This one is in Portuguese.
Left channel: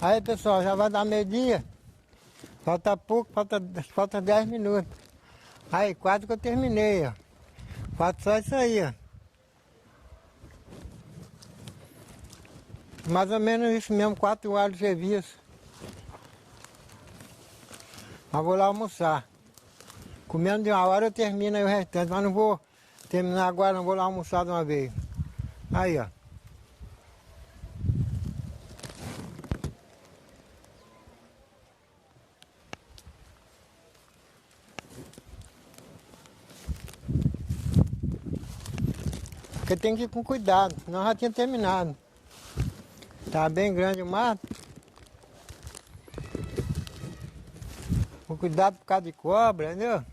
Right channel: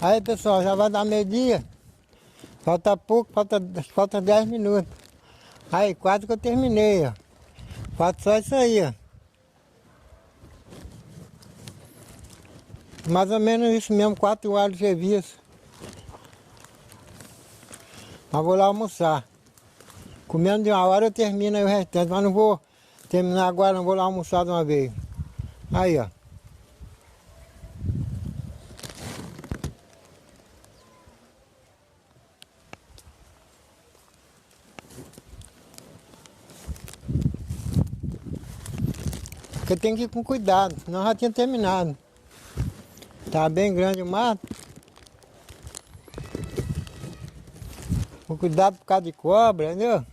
Aí pessoal, já vai dar meio-dia. Falta pouco, falta 10 minutos. Aí, quase que eu terminei, ó. Falta só isso aí, ó. Mais ou menos isso mesmo, 4 horas de serviço. Mas vou lá almoçar. Comendo de uma hora eu termino aí o restante, mas não vou terminar agora, não vou lá almoçar de uma vez. Aí, ó. Porque tem que ir com cuidado, senão já tinha terminado. Tá bem grande o mato. Com cuidado por causa de cobra, entendeu?